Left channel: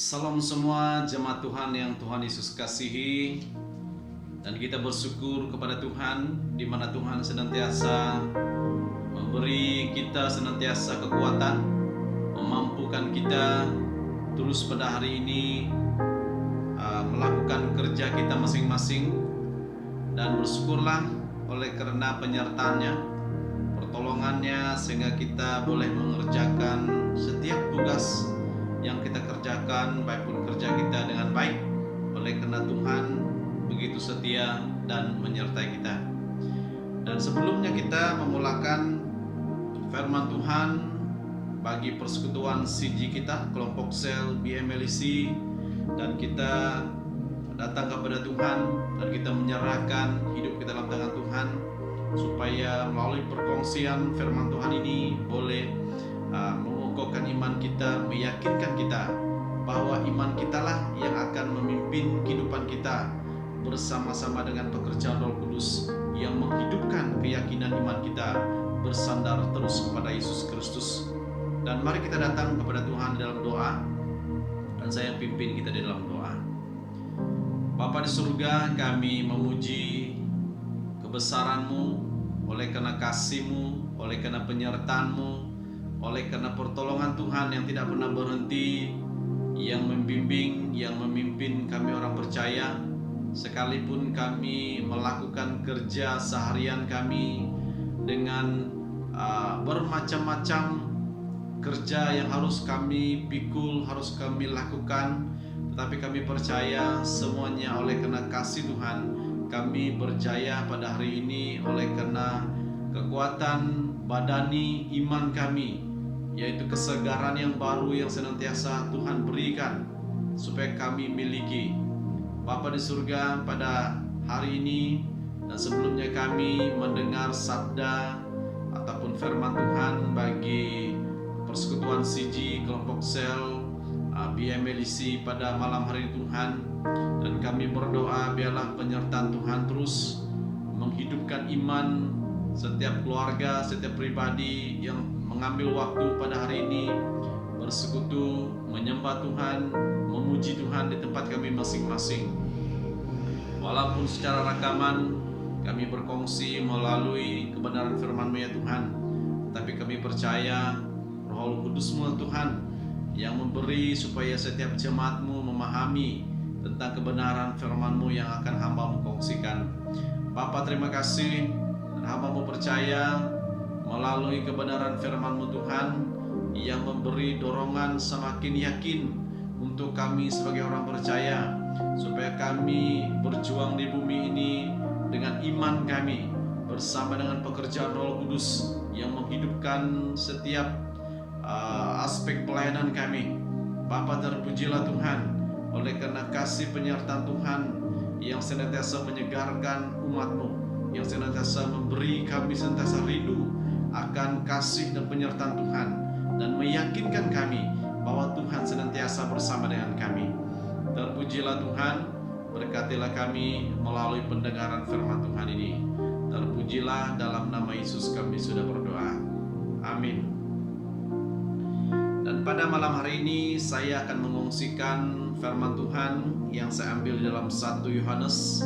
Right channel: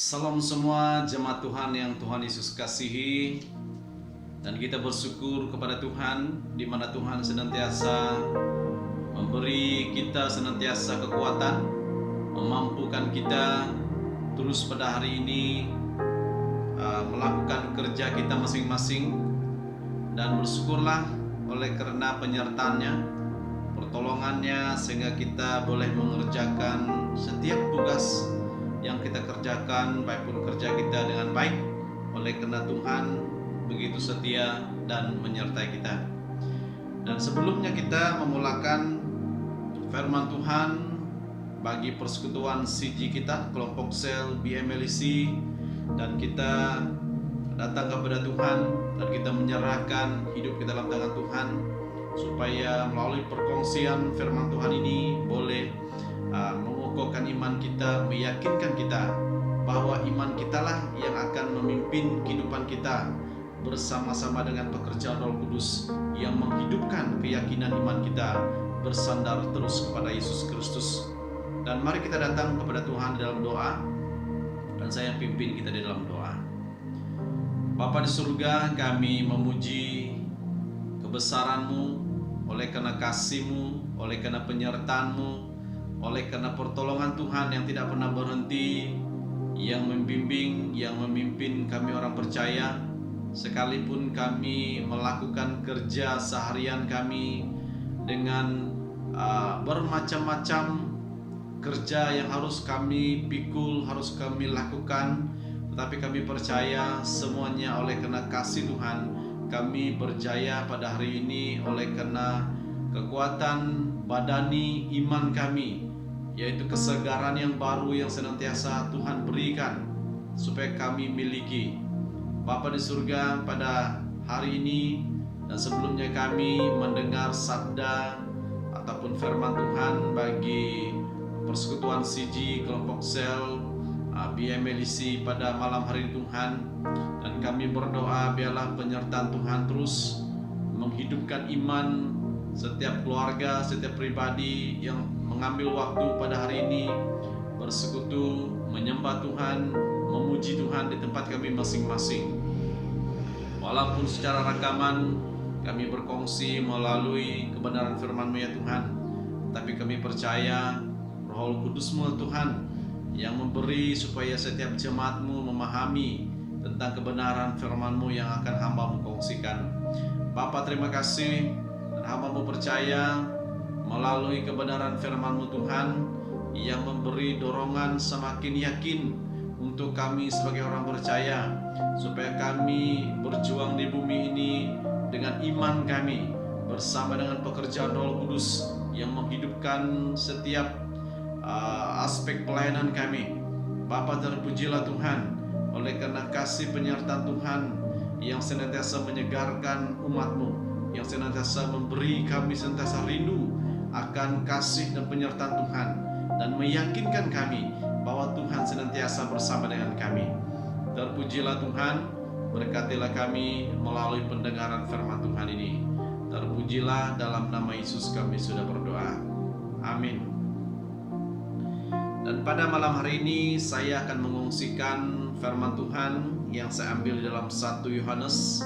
Salam semua jemaat Tuhan yang Tuhan Yesus kasihi. Dan kita bersyukur kepada Tuhan, di mana Tuhan senantiasa memberi kita senantiasa kekuatan, memampukan kita terus pada hari ini melakukan kerja kita masing-masing. Dan bersyukurlah oleh karena penyertaannya, pertolongannya, sehingga kita boleh mengerjakan setiap tugas yang kita kerjakan, baik pun kerja kita dengan baik, oleh karena Tuhan begitu setia dan menyertai kita. Dan sebelumnya kita memulakan firman Tuhan bagi persekutuan CG kita, kelompok sel BMLC, dan kita datang kepada Tuhan dan kita menyerahkan hidup kita dalam tangan Tuhan, supaya melalui perkongsian firman Tuhan ini boleh mengukuhkan iman kita, meyakinkan kita bahwa iman kitalah yang akan memimpin kehidupan kita bersama-sama dengan pekerjaan Roh Kudus yang menghidupkan keyakinan iman kita bersandar terus kepada Yesus Kristus. Dan mari kita datang kepada Tuhan dalam doa, dan saya pimpin kita di dalam doa. Bapa di surga, kami memuji kebesaran-Mu, oleh karena kasih-Mu, oleh karena penyertaan-Mu, oleh karena pertolongan Tuhan yang tidak pernah berhenti, yang membimbing, yang memimpin kami orang percaya, sekalipun kami melakukan kerja seharian kami dengan bermacam-macam kerja yang harus kami pikul, harus kami lakukan, tetapi kami percaya semuanya oleh karena kasih Tuhan kami berjaya pada hari ini, oleh karena kekuatan badani iman kami, yaitu kesegaran yang baru yang senantiasa Tuhan berikan supaya kami miliki. Bapa di surga, pada hari ini dan sebelumnya kami mendengar sabda ataupun firman Tuhan bagi persekutuan CG kelompok sel BMLC pada malam hari ini Tuhan, dan kami berdoa biarlah penyertaan Tuhan terus menghidupkan iman setiap keluarga, setiap pribadi yang mengambil waktu pada hari ini bersekutu, menyembah Tuhan, memuji Tuhan di tempat kami masing-masing. Walaupun secara rekaman kami berkongsi melalui kebenaran firman-Mu ya Tuhan, tapi kami percaya Roh Kudus-Mu Tuhan yang memberi supaya setiap jemaat-Mu memahami tentang kebenaran firman-Mu yang akan hamba-Mu kongsikan. Bapa, terima kasih, dan hamba-Mu percaya melalui kebenaran firman-Mu Tuhan yang memberi dorongan semakin yakin untuk kami sebagai orang percaya, supaya kami berjuang di bumi ini dengan iman kami bersama dengan pekerjaan Roh Kudus yang menghidupkan setiap aspek pelayanan kami. Bapa, terpujilah Tuhan oleh karena kasih penyertaan Tuhan yang senantiasa menyegarkan umat-Mu, yang senantiasa memberi kami senantiasa rindu akan kasih dan penyertaan Tuhan, dan meyakinkan kami bahwa Tuhan senantiasa bersama dengan kami. Terpujilah Tuhan, berkatilah kami melalui pendengaran firman Tuhan ini. Terpujilah, dalam nama Yesus kami sudah berdoa. Amin. Dan pada malam hari ini saya akan mengungsikan firman Tuhan yang saya ambil dalam 1 Yohanes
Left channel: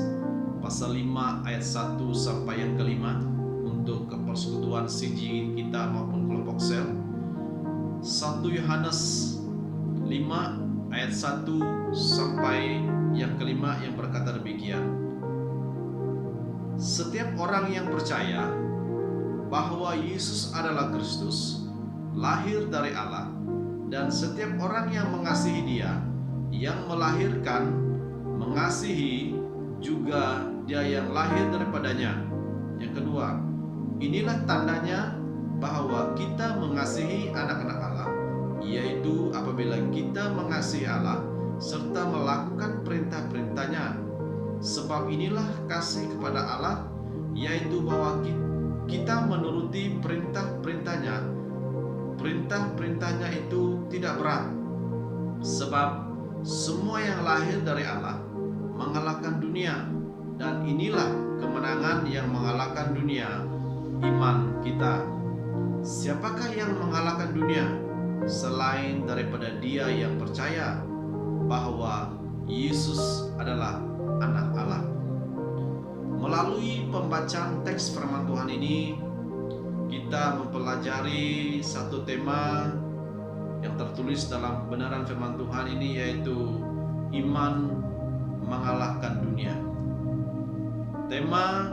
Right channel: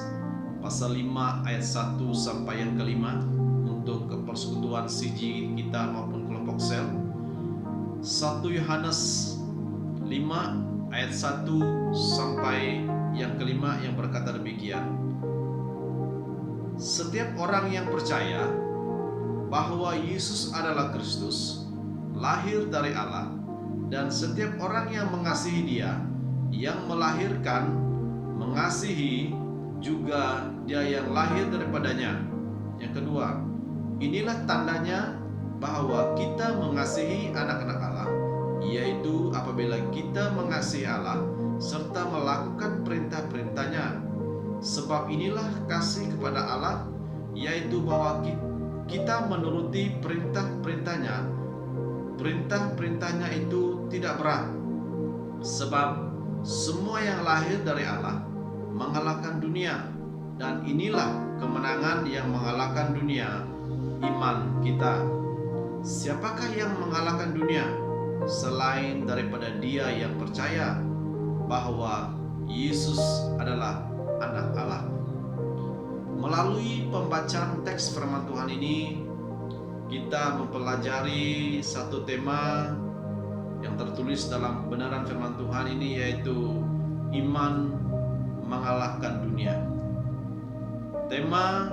pasal 5 ayat 1 sampai yang kelima untuk kepersekutuan CG kita maupun kelompok sel. 1 Yohanes 5 ayat 1 sampai yang kelima yang berkata demikian. Setiap orang yang percaya bahwa Yesus adalah Kristus, lahir dari Allah, dan setiap orang yang mengasihi Dia yang melahirkan, mengasihi juga Dia yang lahir daripadanya. Yang kedua, inilah tandanya bahwa kita mengasihi anak-anak Allah, yaitu apabila kita mengasihi Allah serta melakukan perintah-perintahnya. Sebab inilah kasih kepada Allah, yaitu bahwa kita menuruti perintah-perintahnya. Perintah-perintahnya itu tidak berat, sebab semua yang lahir dari Allah mengalahkan dunia, dan inilah kemenangan yang mengalahkan dunia, iman kita. Siapakah yang mengalahkan dunia selain daripada Dia yang percaya? bahwa Yesus adalah Anak Allah. Melalui pembacaan teks firman Tuhan ini, kita mempelajari satu tema yang tertulis dalam kebenaran firman Tuhan ini, yaitu iman mengalahkan dunia. Tema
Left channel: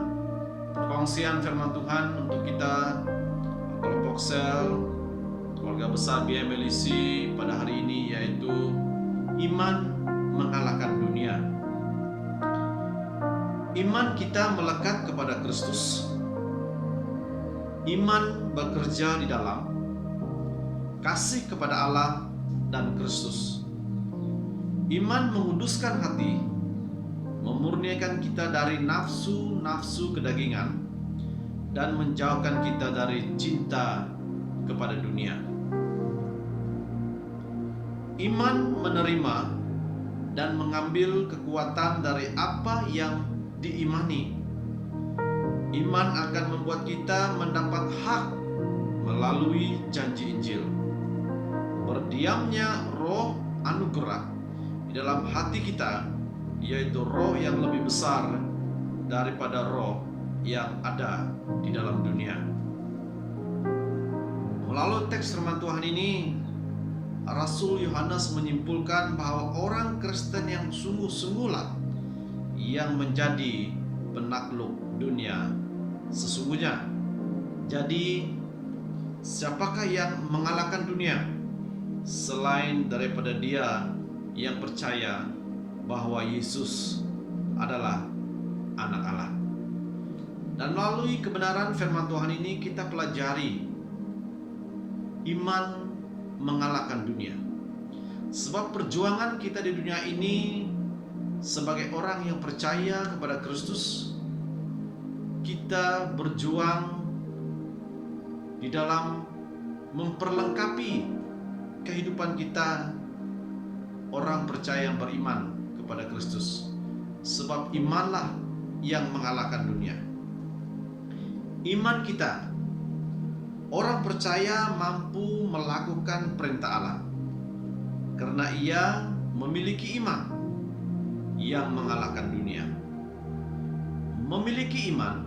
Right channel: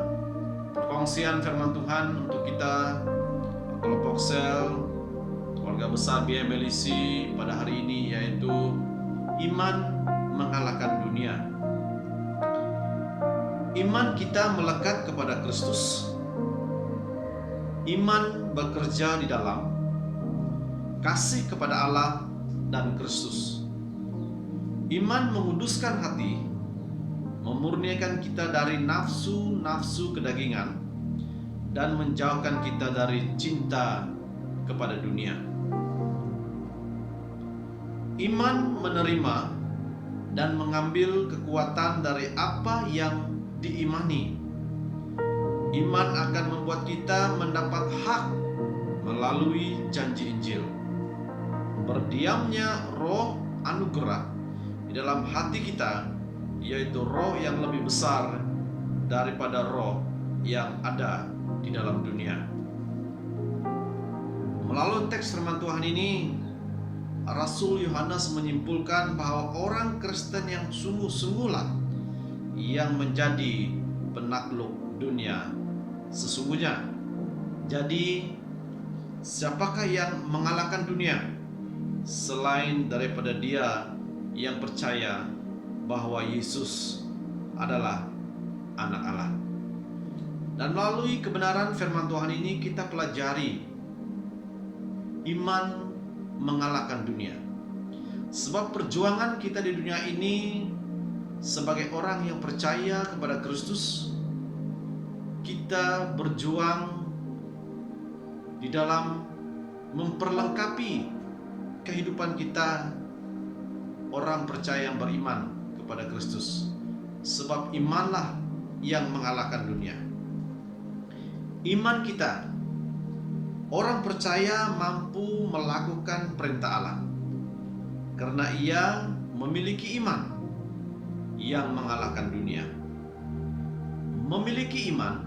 perkongsian firman Tuhan untuk kita kelompok sel keluarga besar BMLC pada hari ini yaitu iman mengalahkan dunia. Iman kita melekat kepada Kristus. Iman bekerja di dalam kasih kepada Allah dan Kristus. Iman menguduskan hati, memurniakan kita dari nafsu-nafsu kedagingan, dan menjauhkan kita dari cinta kepada dunia. Iman menerima dan mengambil kekuatan dari apa yang diimani. Iman akan membuat kita mendapat hak melalui janji Injil. Berdiamnya roh anugerah di dalam hati kita, yaitu roh yang lebih besar daripada roh yang ada di dalam dunia. Melalui teks firman Tuhan ini, Rasul Yohanes menyimpulkan bahwa orang Kristen yang sungguh-sungguhlah yang menjadi penakluk dunia sesungguhnya. Jadi, siapakah yang mengalahkan dunia selain daripada dia yang percaya bahwa Yesus adalah Anak Allah? Dan melalui kebenaran firman Tuhan ini kita pelajari iman mengalahkan dunia. Sebab perjuangan kita di dunia ini sebagai orang yang percaya kepada Kristus, kita berjuang di dalam memperlengkapi kehidupan kita orang percaya yang beriman kepada Kristus. Sebab imanlah yang mengalahkan dunia. Iman kita, orang percaya mampu melakukan perintah Allah karena ia memiliki iman yang mengalahkan dunia. Memiliki iman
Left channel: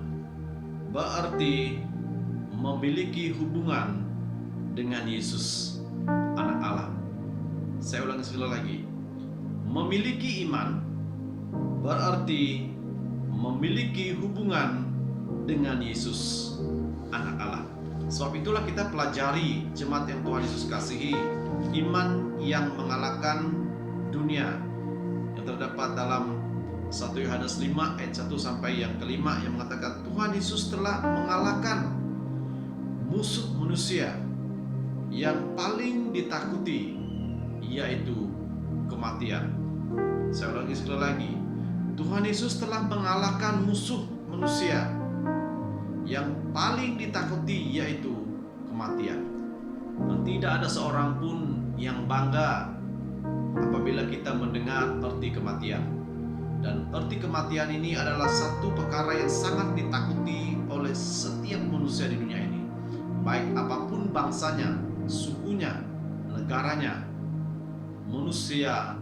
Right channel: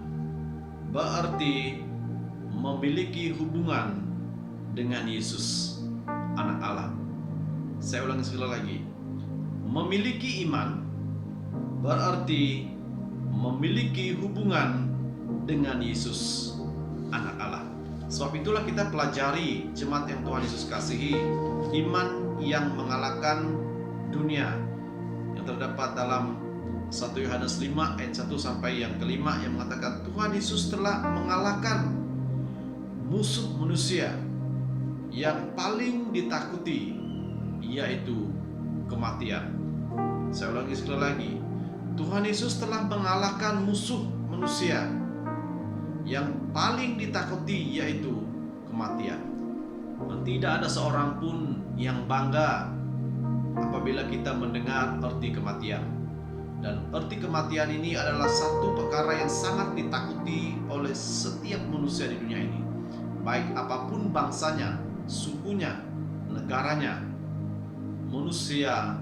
berarti memiliki hubungan dengan Yesus, Anak Allah. Saya ulangi sekali lagi. Memiliki iman berarti memiliki hubungan dengan Yesus, Anak Allah. Sebab itulah kita pelajari jemaat yang Tuhan Yesus kasihi, iman yang mengalahkan dunia yang terdapat dalam 1 Yohanes 5 ayat 1 sampai yang kelima, yang mengatakan Tuhan Yesus telah mengalahkan musuh manusia yang paling ditakuti, yaitu kematian. Saya ulangi sekali lagi. Tuhan Yesus telah mengalahkan musuh manusia yang paling ditakuti, yaitu kematian. Dan tidak ada seorang pun yang bangga apabila kita mendengar arti kematian. Dan arti kematian ini adalah satu perkara yang sangat ditakuti oleh setiap manusia di dunia ini. Baik apapun bangsanya, sukunya, negaranya, manusia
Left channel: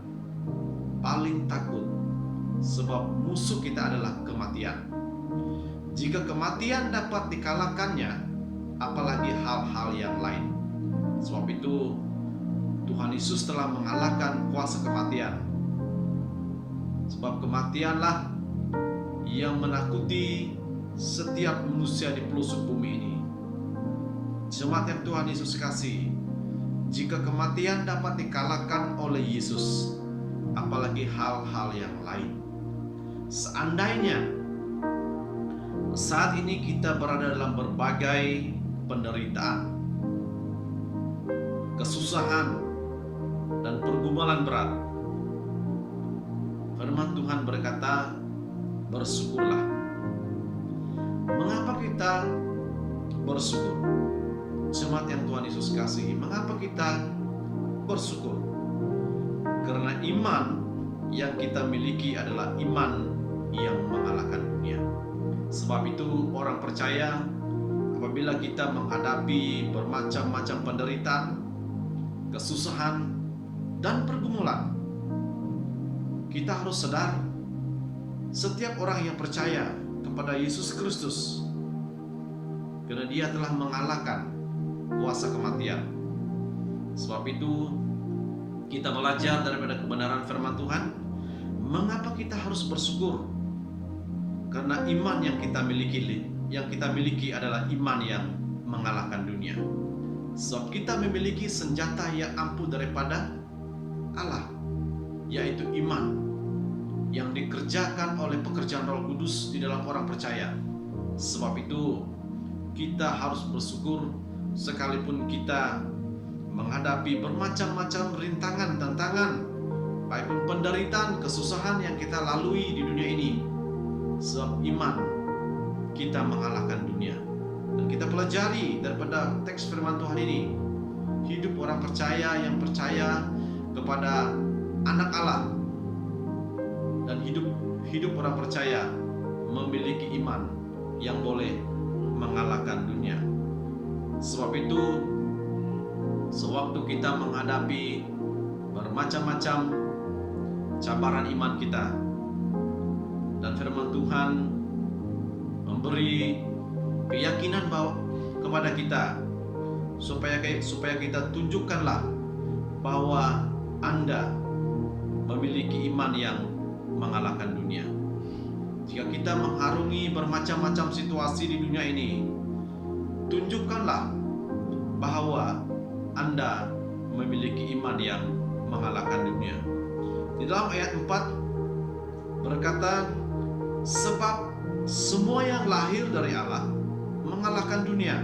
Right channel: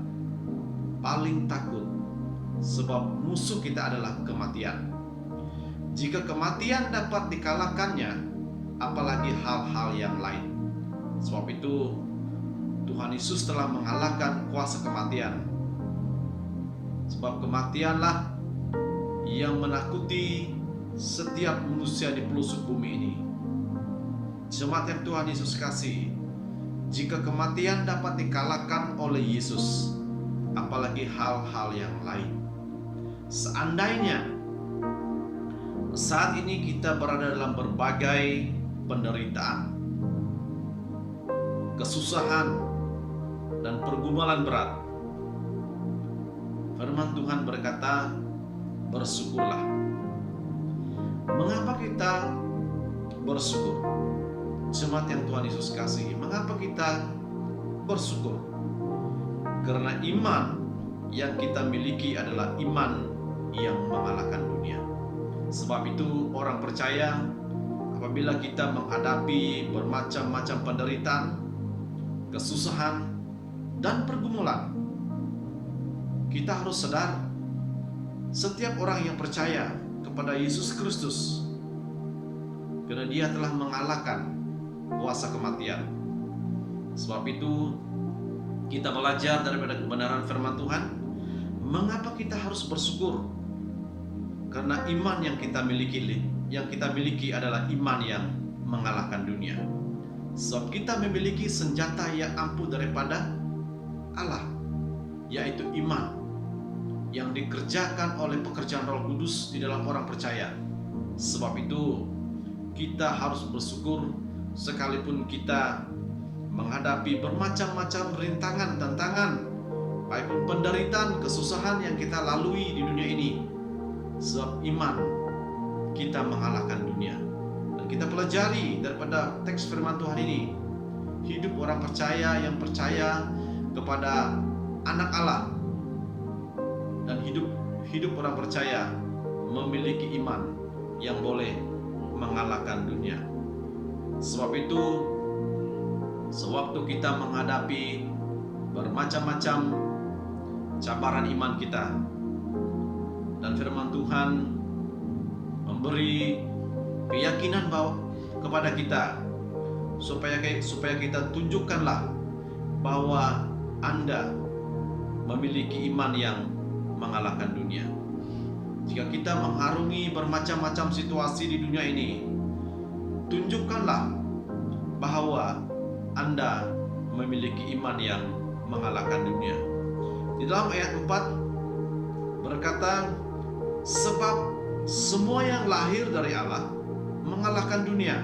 paling takut sebab musuh kita adalah kematian. Jika kematian dapat dikalahkannya, apalagi hal-hal yang lain. Sebab itu Tuhan Yesus telah mengalahkan kuasa kematian. Sebab kematianlah yang menakuti setiap manusia di pelosok bumi ini. Jemaat yang Tuhan Yesus kasih, jika kematian dapat dikalahkan oleh Yesus, apalagi hal-hal yang lain. Seandainya saat ini kita berada dalam berbagai penderitaan, kesusahan, dan pergumulan berat, firman Tuhan berkata, bersyukurlah. Mengapa kita bersyukur? Jemaat yang Tuhan Yesus kasihi, mengapa kita bersyukur? Karena iman yang kita miliki adalah iman yang mengalahkan dunia. Sebab itu orang percaya, apabila kita menghadapi bermacam-macam penderitaan, kesusahan, dan pergumulan, kita harus sadar, setiap orang yang percaya kepada Yesus Kristus, karena Dia telah mengalahkan kuasa kematian. Sebab itu kita belajar daripada kebenaran firman Tuhan, mengapa kita harus bersyukur? Karena iman yang kita miliki adalah iman yang mengalahkan dunia. Sebab kita memiliki senjata yang ampuh daripada Allah, yaitu iman yang dikerjakan oleh pekerjaan Roh Kudus di dalam orang percaya. Sebab itu kita harus bersyukur sekalipun kita menghadapi bermacam-macam rintangan, tantangan, baik pun penderitaan, kesusahan yang kita lalui di dunia ini. Sebab iman kita mengalahkan dunia. Dan kita pelajari daripada teks firman Tuhan ini, hidup orang percaya yang percaya kepada anak Allah, dan hidup orang percaya memiliki iman yang boleh mengalahkan dunia. Sebab itu, sewaktu kita menghadapi bermacam-macam cabaran iman kita, dan firman Tuhan memberi keyakinan kepada kita supaya kita tunjukkanlah bahwa Anda memiliki iman yang mengalahkan dunia. Jika kita mengharungi bermacam-macam situasi di dunia ini, tunjukkanlah bahwa Anda memiliki iman yang mengalahkan dunia. Di dalam ayat 4 berkata, sebab semua yang lahir dari Allah mengalahkan dunia,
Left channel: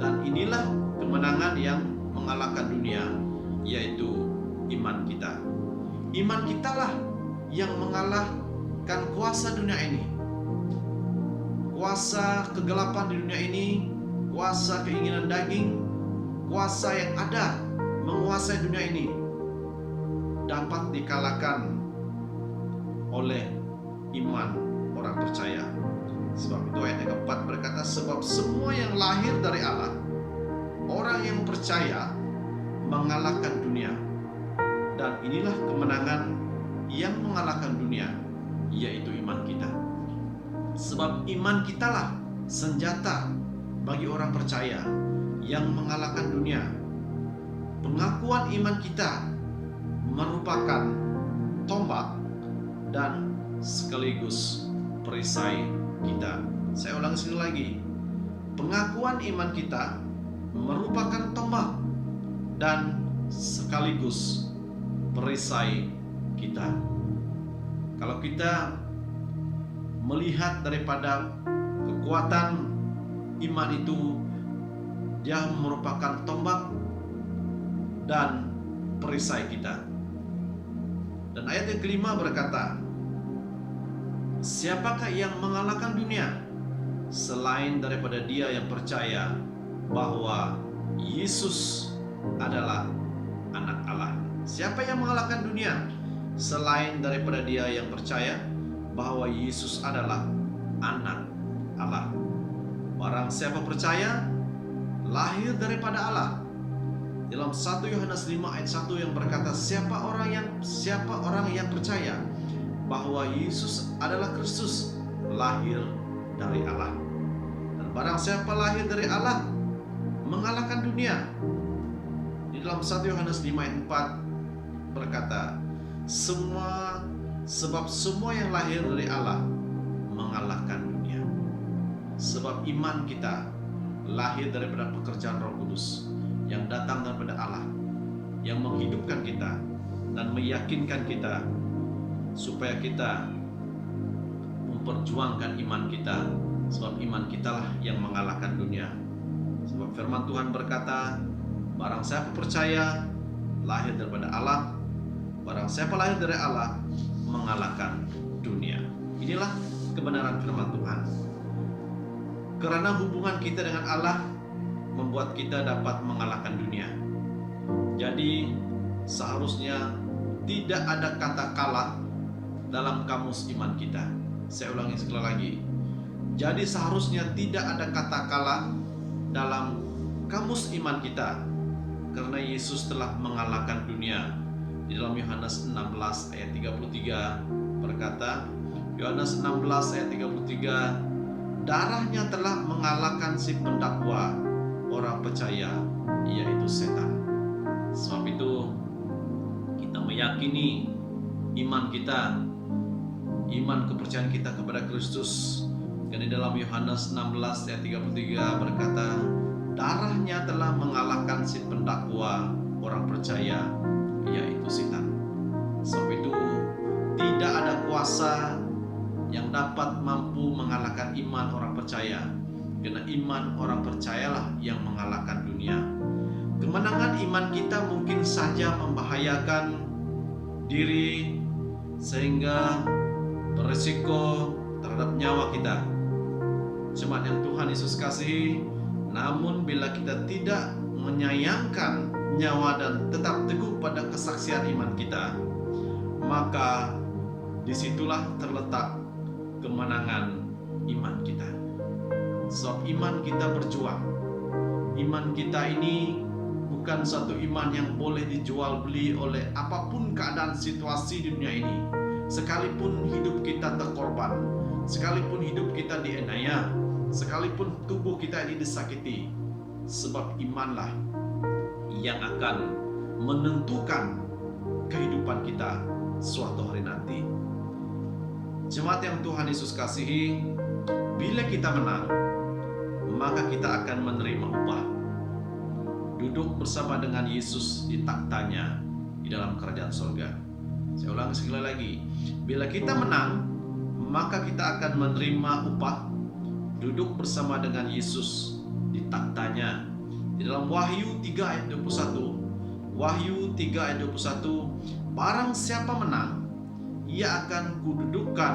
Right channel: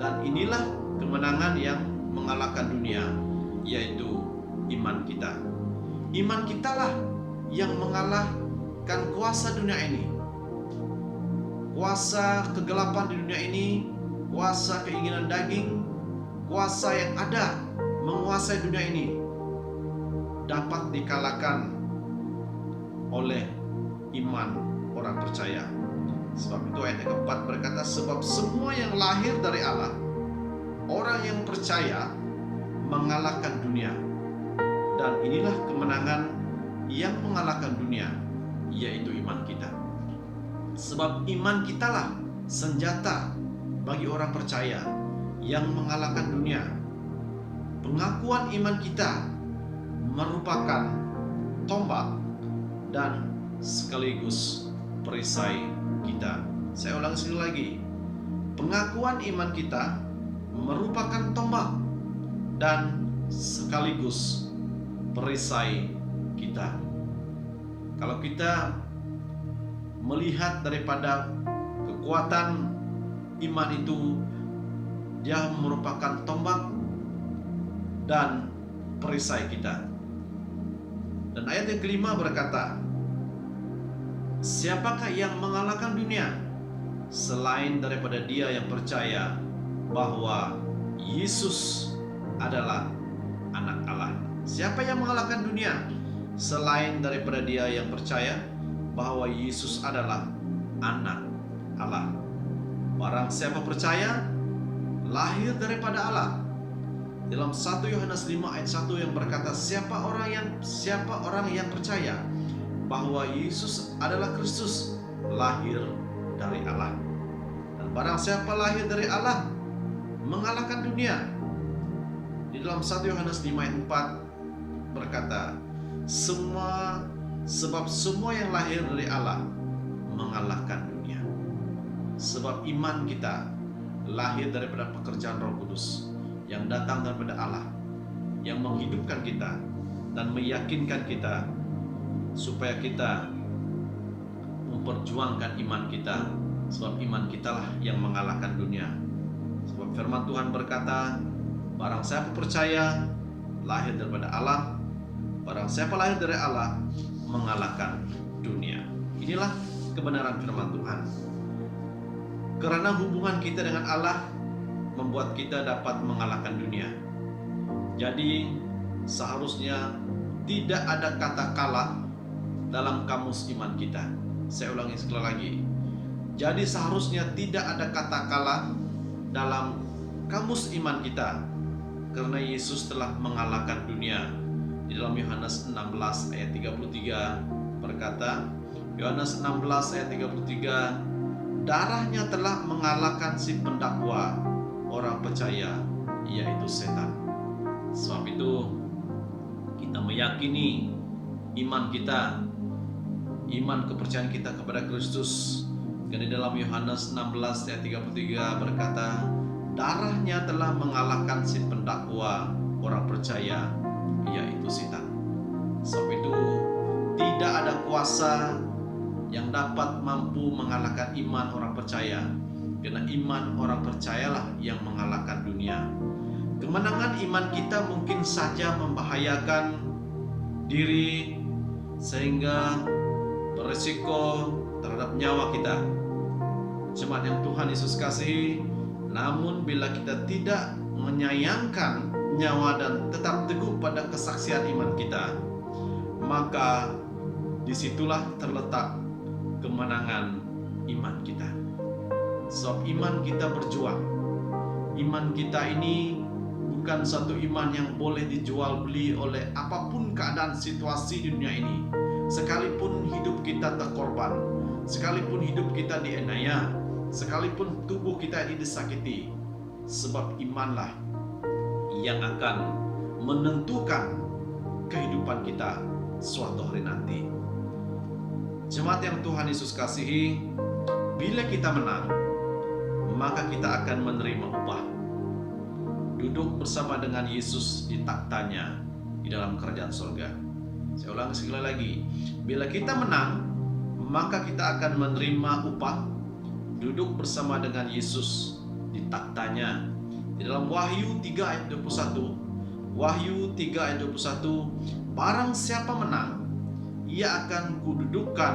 dan inilah kemenangan yang mengalahkan dunia, yaitu iman kita. Iman kitalah yang mengalahkan kuasa dunia ini, kuasa kegelapan di dunia ini, kuasa keinginan daging, kuasa yang ada menguasai dunia ini, dapat dikalahkan oleh iman orang percaya. Sebab itu ayat yang keempat berkata, sebab semua yang lahir dari Allah, orang yang percaya, mengalahkan dunia, dan inilah kemenangan yang mengalahkan dunia, yaitu iman kita. Sebab iman kitalah senjata bagi orang percaya yang mengalahkan dunia. Pengakuan iman kita merupakan tombak dan sekaligus perisai kita. Saya ulang sekali lagi. Pengakuan iman kita merupakan tombak dan sekaligus perisai kita. Kalau kita melihat daripada kekuatan iman itu, dia merupakan tombak dan perisai kita. Dan ayat yang kelima berkata, siapakah yang mengalahkan dunia selain daripada dia yang percaya bahwa Yesus adalah anak Allah? Siapa yang mengalahkan dunia selain daripada dia yang percaya bahwa Yesus adalah anak Allah? Barang siapa percaya, lahir daripada Allah. Dalam 1 Yohanes 5 ayat 1 yang berkata, siapa orang yang percaya bahwa Yesus adalah Kristus, lahir dari Allah. Dan barang siapa lahir dari Allah, mengalahkan dunia. Di dalam 1 Yohanes 5 ayat 4 berkata, sebab semua yang lahir dari Allah mengalahkan dunia. Sebab iman kita lahir daripada pekerjaan Roh Kudus yang datang daripada Allah, yang menghidupkan kita dan meyakinkan kita supaya kita memperjuangkan iman kita. Sebab iman kitalah yang mengalahkan dunia. Sebab firman Tuhan berkata, barang siapa percaya lahir daripada Allah, barang siapa lahir dari Allah mengalahkan dunia. Inilah kebenaran firman Tuhan. Karena hubungan kita dengan Allah membuat kita dapat mengalahkan dunia. Jadi seharusnya tidak ada kata kalah dalam kamus iman kita. Saya ulangi sekali lagi. Jadi seharusnya tidak ada kata kalah dalam kamus iman kita, karena Yesus telah mengalahkan dunia Di dalam Yohanes 16 ayat 33 berkata, Yohanes 16 ayat 33, darahnya telah mengalahkan si pendakwa orang percaya, yaitu setan. Sebab itu kita meyakini iman kita, iman kepercayaan kita kepada Kristus. Karena di dalam Yohanes 16 ayat 33 berkata, darahnya telah mengalahkan si pendakwa orang percaya, yaitu setan. Sebab itu tidak ada kuasa yang dapat mampu mengalahkan iman orang percaya. Karena iman orang percayalah yang mengalahkan dunia. Kemenangan iman kita mungkin saja membahayakan diri sehingga berisiko terhadap nyawa kita. Jemaat yang Tuhan Yesus kasihi, namun bila kita tidak menyayangkan nyawa dan tetap teguh pada kesaksian iman kita, maka disitulah terletak kemenangan iman kita. Sebab iman kita berjuang. Iman kita ini bukan satu iman yang boleh dijual beli oleh apapun keadaan situasi di dunia ini. Sekalipun hidup kita terkorban, sekalipun hidup kita dienaya, sekalipun tubuh kita ini disakiti, sebab imanlah yang akan menentukan kehidupan kita suatu hari nanti. Jemaat yang Tuhan Yesus kasihi, bila kita menang, maka kita akan menerima upah. Duduk bersama dengan Yesus di taktanya di dalam kerajaan surga. Saya ulang sekali lagi, bila kita menang, maka kita akan menerima upah. Duduk bersama dengan Yesus di taktanya. Di dalam Wahyu 3 ayat 21, Wahyu 3 ayat 21, barang siapa menang, ia akan kududukkan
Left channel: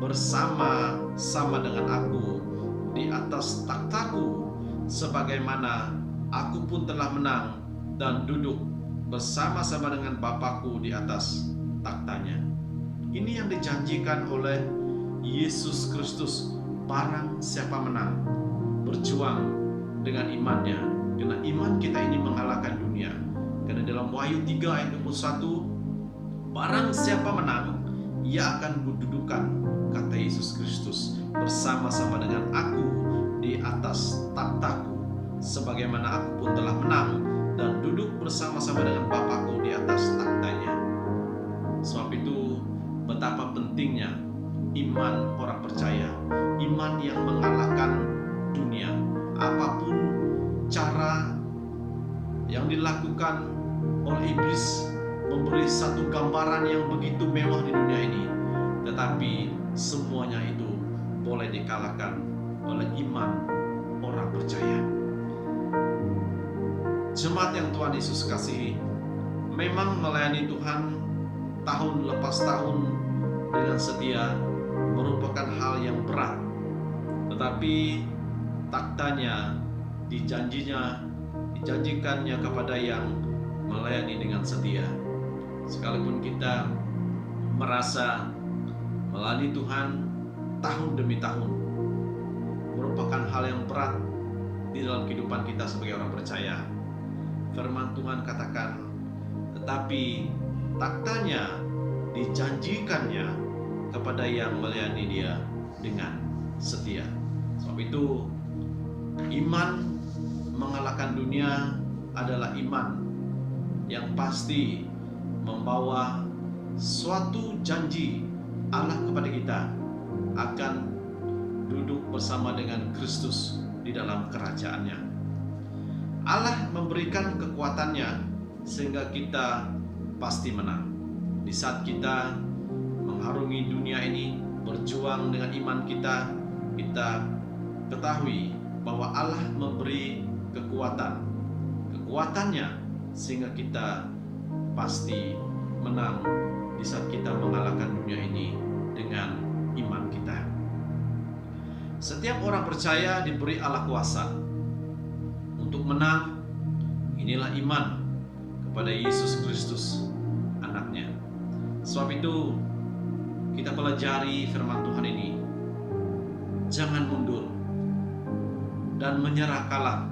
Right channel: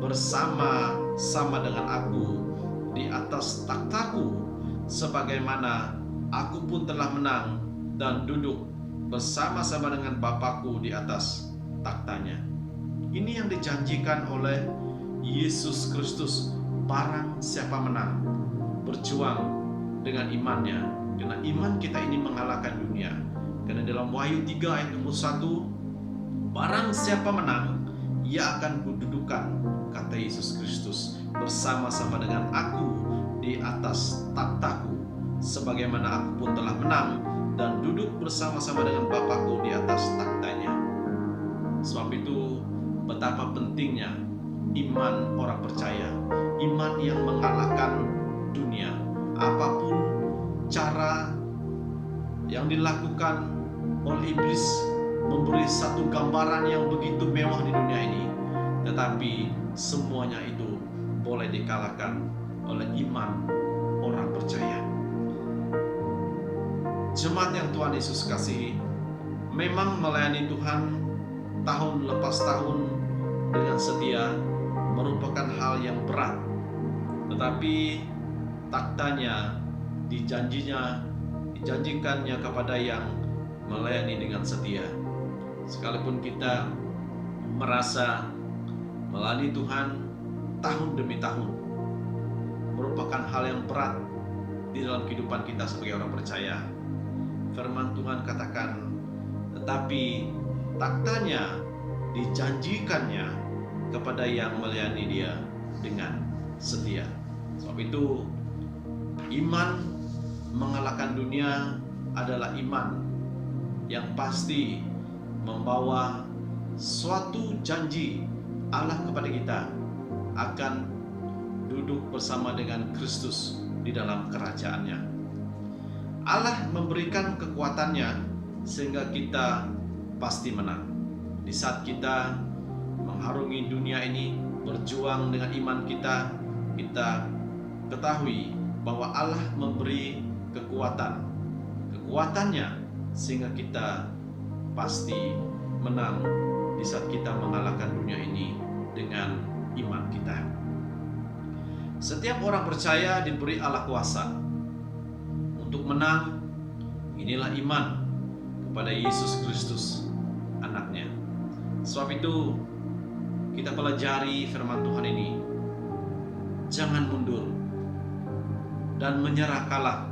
bersama-sama dengan aku di atas takhtaku, sebagaimana aku pun telah menang dan duduk bersama-sama dengan Bapakku di atas taktanya. Ini yang dijanjikan oleh Yesus Kristus. Barang siapa menang, berjuang dengan imannya, karena iman kita ini mengalahkan dunia. Karena dalam Wahyu 3 ayat 21, barang siapa menang, ia akan kududukan, kata Yesus Kristus, bersama-sama dengan aku di atas takhtaku, sebagaimana aku pun telah menang dan duduk bersama-sama dengan Bapakku di atas taktanya. Sebab itu betapa pentingnya iman orang percaya, iman yang mengalahkan dunia. Apapun cara yang dilakukan oleh iblis memberi satu gambaran yang begitu mewah di dunia ini, tetapi semuanya itu boleh dikalahkan oleh iman orang percaya. Jemaat yang Tuhan Yesus kasihi, memang melayani Tuhan tahun lepas tahun dengan setia merupakan hal yang berat, tetapi taktanya dijanjikannya kepada yang melayani dengan setia. Sekalipun kita merasa melayani Tuhan tahun demi tahun merupakan hal yang berat di dalam kehidupan kita sebagai orang percaya, firman Tuhan katakan, tetapi taktanya dijanjikannya kepada yang melayani Dia dengan setia. Sebab itu iman mengalahkan dunia adalah iman yang pasti membawa suatu janji Allah kepada kita akan duduk bersama dengan Kristus di dalam kerajaannya. Allah memberikan kekuatannya sehingga kita pasti menang. Di saat kita mengharungi dunia ini, berjuang dengan iman kita, kita ketahui bahwa Allah memberi kekuatannya sehingga kita pasti menang di saat kita mengalahkan dunia ini dengan iman kita. Setiap orang percaya diberi Allah kuasa untuk menang. Inilah iman kepada Yesus Kristus, anaknya. Sebab itu kita pelajari firman Tuhan ini. Jangan mundur dan menyerah kalah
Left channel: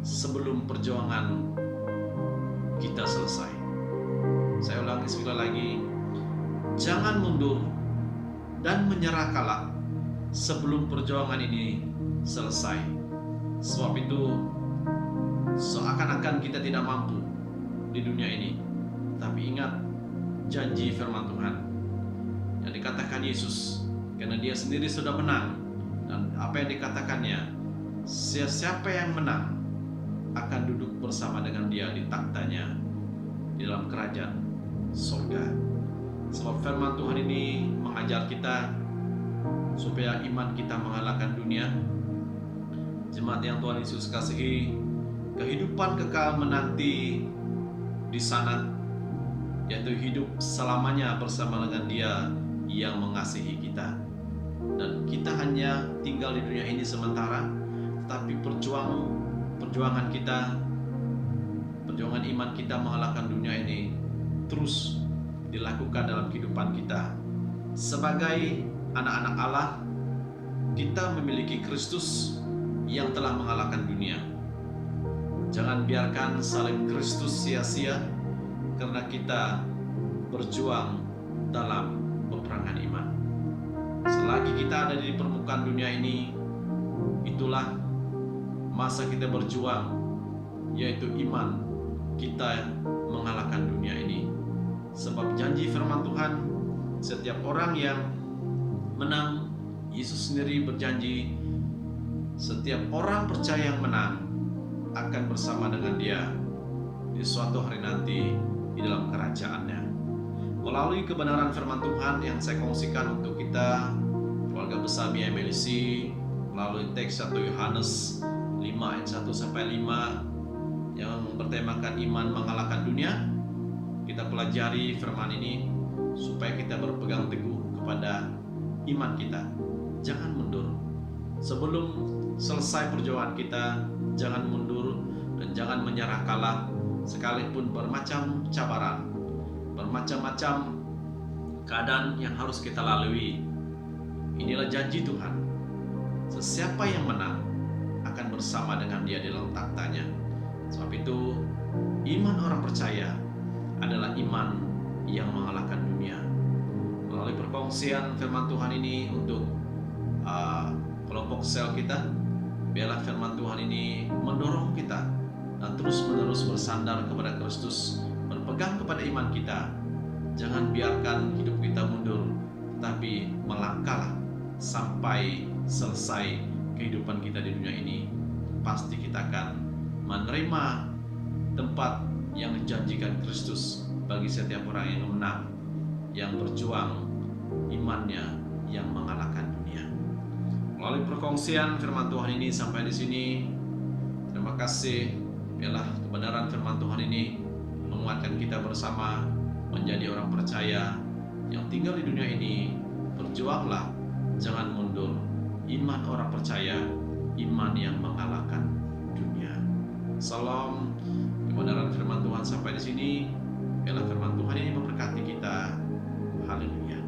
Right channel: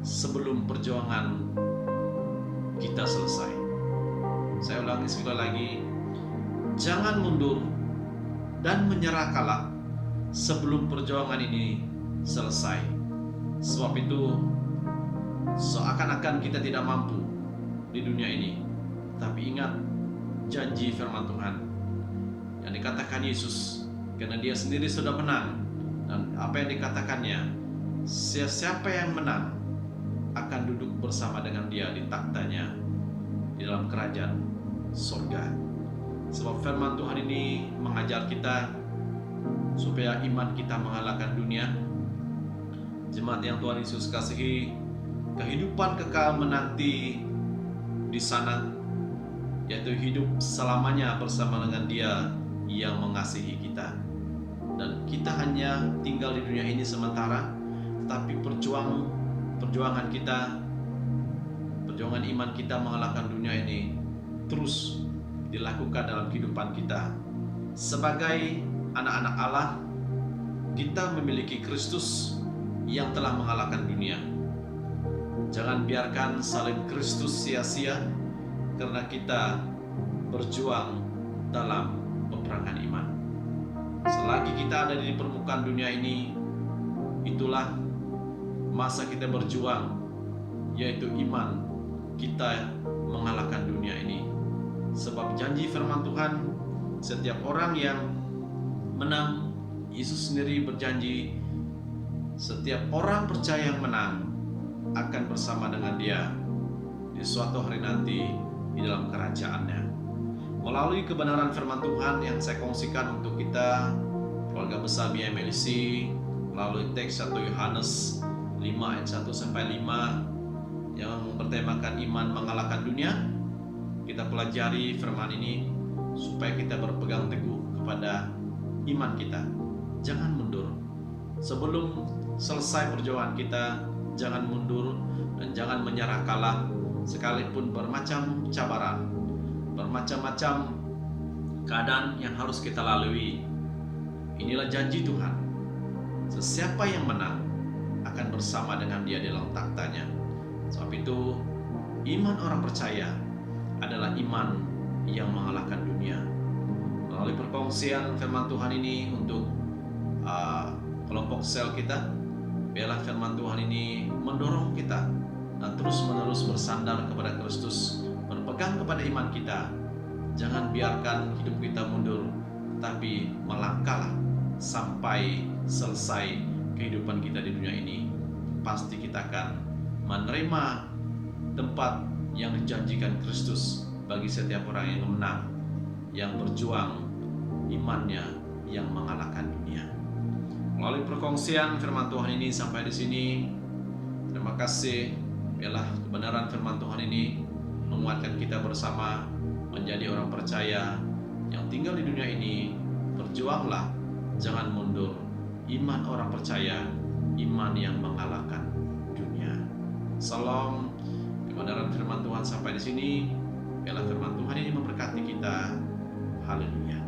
sebelum perjuangan kita selesai. Saya ulangi sekali lagi, jangan mundur dan menyerah kalah sebelum perjuangan ini selesai. Sebab itu seakan-akan kita tidak mampu di dunia ini. Tapi ingat janji firman Tuhan yang dikatakan Yesus, karena dia sendiri sudah menang. Dan apa yang dikatakannya, siapa yang menang akan duduk bersama dengan dia di taktanya di dalam kerajaan surga. Sebab firman Tuhan ini mengajar kita supaya iman kita mengalahkan dunia. Jemaat yang Tuhan Yesus kasihi, kehidupan kekal menanti di sana, yaitu hidup selamanya bersama dengan Dia yang mengasihi kita. Dan kita hanya tinggal di dunia ini sementara, tetapi perjuangan kita, perjuangan iman kita mengalahkan dunia ini terus dilakukan dalam kehidupan kita. Sebagai anak-anak Allah, kita memiliki Kristus yang telah mengalahkan dunia. Jangan biarkan salib Kristus sia-sia karena kita berjuang dalam peperangan iman. Selagi kita ada di permukaan dunia ini, itulah masa kita berjuang, yaitu iman kita mengalahkan dunia ini. Sebab janji firman Tuhan, setiap orang yang menang, Yesus sendiri berjanji, setiap orang percaya yang menang akan bersama dengan Dia di suatu hari nanti di dalam kerajaannya. Melalui kebenaran firman Tuhan yang saya kongsikan untuk kita, keluarga besar BMLC, melalui teks 1 Yohanes 5 ayat 1 sampai 5 yang bertemakan iman mengalahkan dunia, kita pelajari firman ini supaya kita berpegang teguh kepada iman kita. Jangan mundur. Sebelum selesai perjuangan kita, jangan mundur dan jangan menyerah kalah, sekalipun bermacam cabaran, bermacam-macam keadaan yang harus kita lalui. Inilah janji Tuhan. Sesiapa yang menang akan bersama dengan Dia di dalam taktanya. Sebab itu, iman orang percaya adalah iman yang mengalahkan dunia. Melalui perkongsian firman Tuhan ini untuk kelompok sel kita, biarlah firman Tuhan ini mendorong kita dan terus-menerus bersandar kepada Kristus, berpegang kepada iman kita. Jangan biarkan hidup kita mundur, tapi melangkahlah sampai selesai kehidupan kita di dunia ini. Pasti kita akan menerima tempat yang dijanjikan Kristus bagi setiap orang yang menang, yang berjuang imannya yang mengalahkan dunia. Melalui perkongsian firman Tuhan ini sampai di sini, terima kasih. Biarlah kebenaran firman Tuhan ini menguatkan kita bersama menjadi orang percaya yang tinggal di dunia ini. Berjuanglah, jangan mundur. Iman orang percaya, iman yang mengalahkan dunia. Salam. Kebenaran firman Tuhan sampai di sini. Biarlah firman Tuhan ini memberkati kita. Haleluya.